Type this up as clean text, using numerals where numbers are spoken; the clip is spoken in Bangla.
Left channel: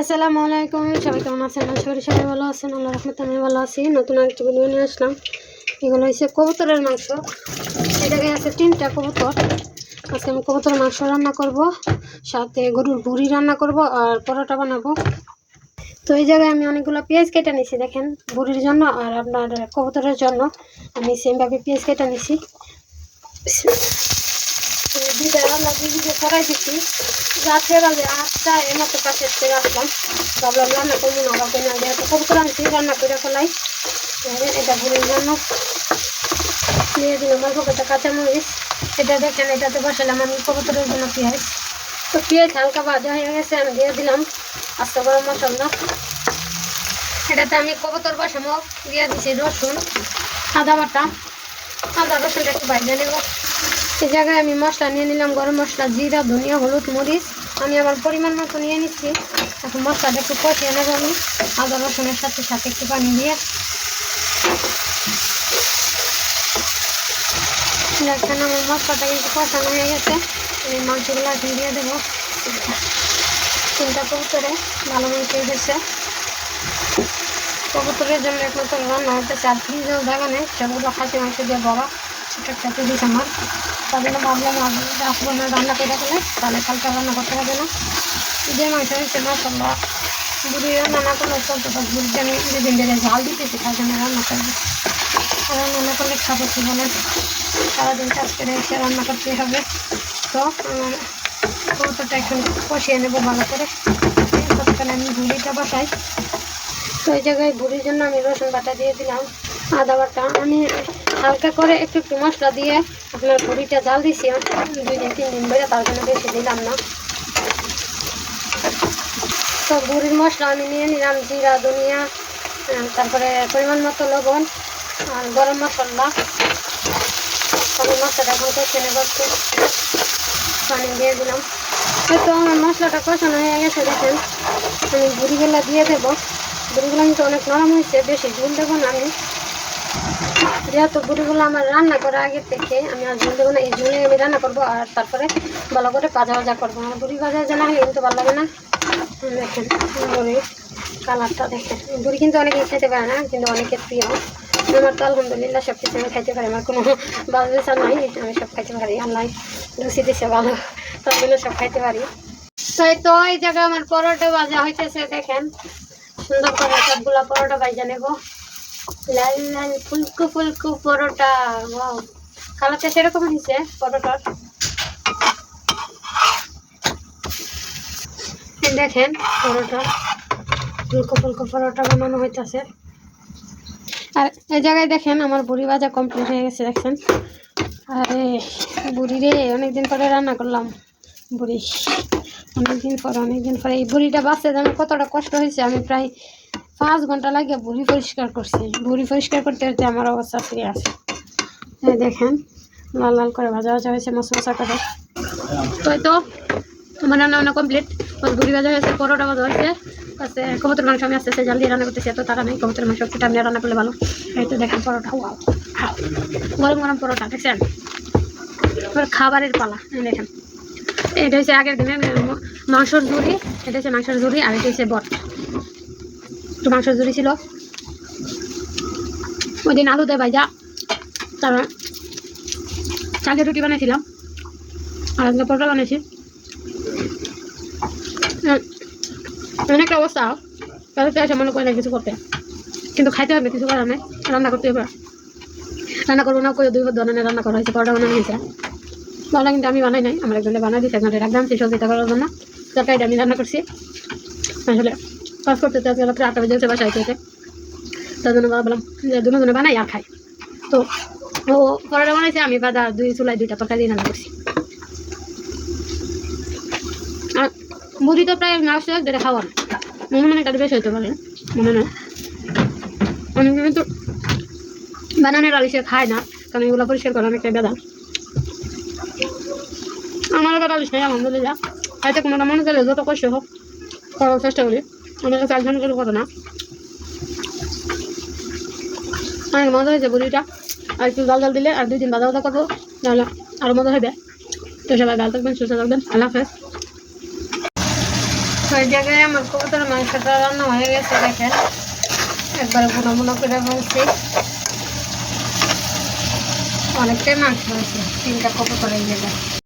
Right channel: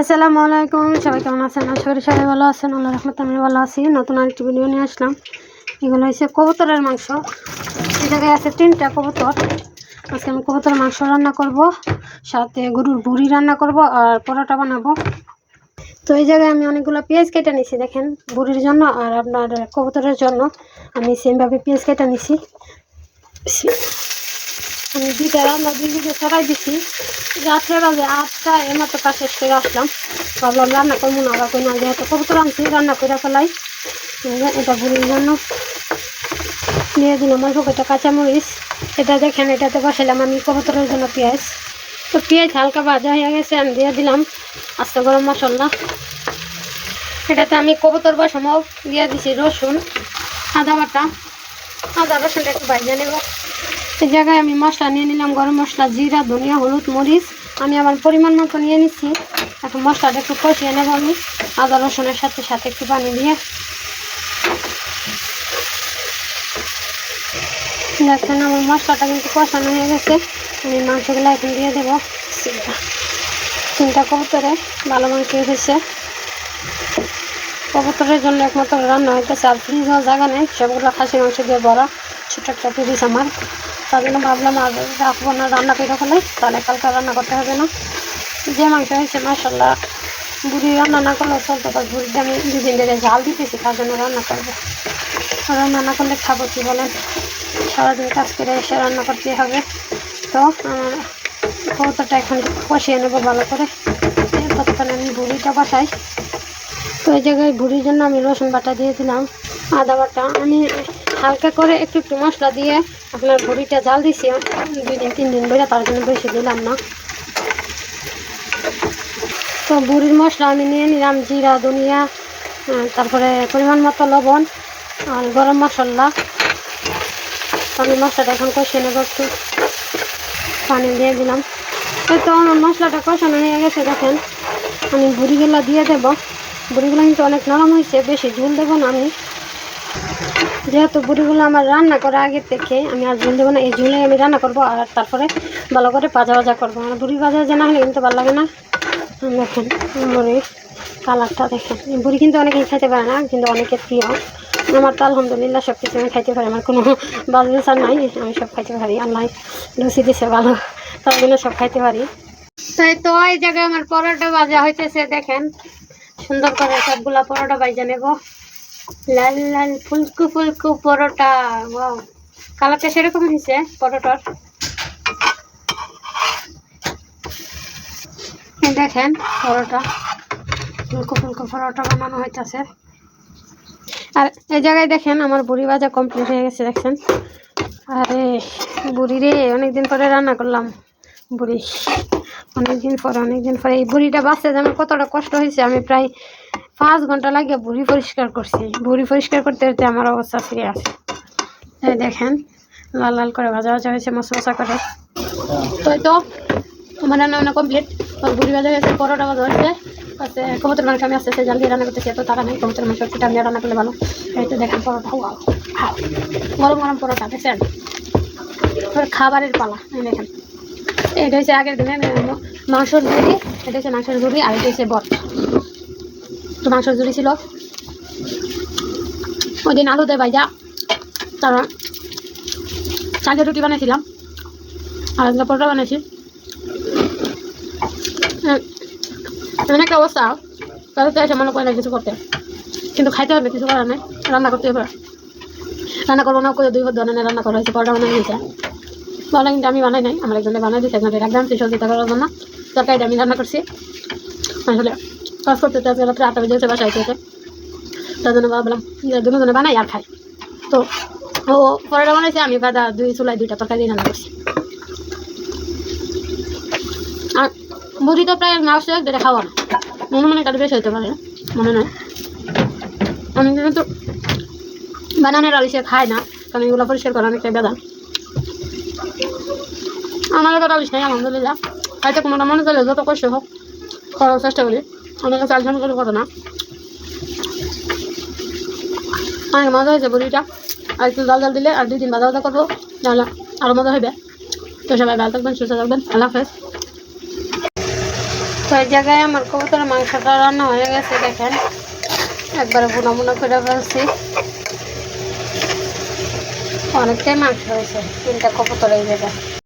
আসসালামু আলাইকুম, সবাই কেমন আছেন? আশা করি সবাই ভালো আছেন। আল্লাহর রহমতে আমি ভালো আছি। নতুন আরেকটি ভিডিও নিয়ে আসলাম। এগুলো হচ্ছে কবুতরের মাংস। এই জায়গায় আছে 3টা কবুতর। আজকে আমি কবুতরের মাংস রান্না করব, সাথে গরুর ভুড়ি রান্না করব আর পরোটা বানাবো। তো এই জায়গায় আমি অনেকগুলো পেঁয়াজ কেটে নিছি, দেখেন, ভুড়ির জন্য আর আপনার কবুতরের জন্য আমি সেমভাবে পেঁয়াজ কেটে নিছি। আমি দুইটা রান্না দিয়ে সরাই দিচ্ছি। রাত্রে বাজে 8টা এমতো কাছে থেকে আসলাম, ভাবলাম রান্না করবো না, আবার না যেহেতু কবুতর আনছি রান্না করে ফেলাই। এটা ভুড়ির জন্য দিয়ে দিলাম অল্প কটা কাঁচামরিচ। এটা দেখেন, এটাতে বসালাম আমি কবুতরের জন্য পেঁয়াজ। তো পেঁয়াজ হালকা ভাজা হয়ে গেছে, আমি দিয়ে দিলাম আস্তে গরম মশলা। এটাতে আমি কবুতর বসামাও দিয়ে দিচ্ছি রসুন, আদা বাটা। আদা রসুনটা একটু ভাজা নেব। এই জায়গায় আমি মশলা নিয়ে নিলাম, গরম মশলা, জিরা, ধনিয়া, হলুদ, মরিচ। আমি আবার পরিমাণ মতো নিয়ে নিচ্ছি। এখন মশলাটা একটু কষিয়ে নেব আমি আদা রসুনের সাথে সাথে একটু পানি দিয়ে। দেখেন আমার মশলাটা কিন্তু কষানো হয়ে গেছে। আমি মাংসগুলো এখন দিয়ে দেবো। 3টা কবুতরে ভালো করে পেয়ে গেছে। কবুতরের জন্য একমাত্র রান্না হইতেছে, আর ফ্রিজেও জায়গা নেই, সবগুলো খাসি মাংস দিয়ে বড় ছোটো একটা ফ্রিজ আমার। তার জন্য ভাবলাম আসবো না, রান্না করে ফেলে, তাহলে কালকে রান্না করতে হবে না। যে মাংস হয়েছে মাশাআল্লাহ, বুড়ি রান্না না করলেও চলতে পারে। বুড়িটা আমি 2 দিন ধরে ঝাল দিতেছি, তার জন্য রান্না করবো। রান্না না করলে খাবো কি বলে? সারাদিন কাজ করে এসে রান্না করতে হবে। তো কবুতরটা এখন কষিয়ে নেবো ভালো করে, ততক্ষণে আমি বুড়িটা বসাই। তো এই জায়গায় ভুড়ির জন্য আমি রসুন বাটা দিয়ে দিলাম, আদা বাটা। আমি হালকা করে একটু একটু মশলা দিয়ে আপনার ভুড়িটা জাল দিছি 2 দিন 3 দিন ধরে, তার জন্য বেশি দিলাম না। তো ভুড়ির মশলা আমি নিয়ে নিলাম জিরা, ধনিয়া, তারপরে পরিমাণ মতো লবণ আর গরম মশলা। আমি মশলাটা এখন কষিয়ে নেব, একটু পানি দিয়ে দিলাম। তো আমার মশলাটা কষানো হয়ে গেছে, দেখেন আমি ভুড়িগুলো দিয়ে দেবো। বুড়িগুলো কিন্তু অনেক নরম হয়েছে, বেশি ঝোল দেবো না আমি, যেহেতু বুড়িগুলো আমার রান্না করা আগের থেকে। আমি আর ঝোল দেবো না, এই ঝোলে আমি রান্না করবো আর তারপরে ভালো করে ভাজা করবো। আর বুড়ি ভাজা না হলে কিন্তু ভালো লাগে না। দেখেন বুড়ির কালারটা দেখেন। বুড়ি কিন্তু অনেকেই খাইতে পারে না, কিন্তু অনেকের প্রিয়। আমার তো আলহামদুলিল্লাহ সব কিছু আমি খাইতে পারি, আমার কোনো বাজ বিচার নাই, আমি সব খাইতে পারি। আল্লাহ লুচি দিছে ভালো, তার জন্য সব খাইতে পারি। তাই তো এই জায়গায় আমার পরোটা ভাজা হইতেছে, দেখেন সুন্দর করে সবগুলা পরোটা ভাজা নেব। লাল লাল ফুলকো ফুলকো পরোটা, ওয়াও, কালারটা সেরকম হয়েছে পরোটার। দেখেন পরোটা, ফুলকো ফুলকো পরোটা বানানো হইতেছে। আর এই জায়গায় দেখেন আমার বুড়ি ভাজা কমপ্লিট হয়ে গেছে, দেখছেন। আরে বুড়ি রে, অনেকদিন পরে রান্না করলাম বুড়ি, অনেকদিন পরে। এই বুড়িটা বাঁচতে জানো কতটা কষ্ট হয়েছে। আমি প্রায় 5 ঘন্টা লাগে বুড়ি পরিষ্কার করছি। বুড়ি পরিষ্কার করতে করতে আমার অবস্থা ফিরে আসে। দেখেন লাল লাল করে ভাজা হয়েছে, মশলা করে। তো আমার রান্না কমপ্লিট। বুড়ি ভাজা হয়েছে, পরোটা ভাজা হয়েছে, কবুতর মাংস আমি আস্তে আস্তে জাল দিয়ে রান্না করতেছি। তো তারা নেই, কবুতর মাংস সেটা আমি রান্না করলে ভালো। এই তো দেখেন পরোটা, গরম গরম পরোটা, দেখছেন। খাবারের পালা দেখেন। এটা হচ্ছে আগের দিনে মাংসর ঝুড়ি, এটা হচ্ছে মাংসের ঝুড়ি, আর এটা হচ্ছে বট। তো মাংসের ঝুড়ি ছিল ওই দিন আলু দিয়ে ভাজা, তারপর চালের রুটি বানিয়েছিলাম, আর একটা পরোটা বানিয়েছি। অনেক অবস্থা, তাদের এসে মনে করে না কিছু করতে, কিন্তু খাইতে হবে, কিছু করার নেই, রান্না করতে হবে। রান্না করবো না করে 2 ধরনের রান্না করা হয়েছে, পরোটা বানানো হয়েছে। পরোটা কিন্তু আমি বানাই নাই, আমার একজনে বানাই দিয়েছে, একজনে রাখলাম সহযোগিতা করার জন্য। তরকারিটা আমি রান্না করছি। আসলে কাজ করতে রাত্রে 8টা বেজে গেছে বাসায় খেতে, তার জন্য ভাবলাম যে 2 জনে বানাই আর খাই। তো ও পরোটা বানাইছে, আমি বাদা 2 চুলায় 2টা তরকারি রান্না করছি। আর মুড়ি তো প্রায় মাস যেটা খাওয়া না, মনে একটু বেশি হইতে পারে, মনে নয়। আমি কিন্তু বানানোর আলিশে খাই না, কারণ এগুলো পরিষ্কার করা অনেকটাই বেদা। আমার এবার আলিশ নেই আলহামদুলিল্লাহ, খাইতে কোনোটা মনে চলে, যত কষ্ট হোক করার চেষ্টা করি। অনেক কাছে আলোচনা করে কথা না, অনেক মজা হয়েছে বুড়িটা। আর একটু জাল দিলে আর 2 দিন ভাজা করবো, তাহলে আরও মজা হবে। তো সবাই ভালো থাকবেন, সুস্থ থাকবেন, আল্লাহ হাফেজ। তো এই জায়গায় আমার কবুতরের মাংসটা রান্না হয়ে গেছে, দেখেন একবারে বুনা বুনা করে ফেলছি। অনেকটাই মাংস হয়েছে, 3টা কবুতর এই জায়গায়।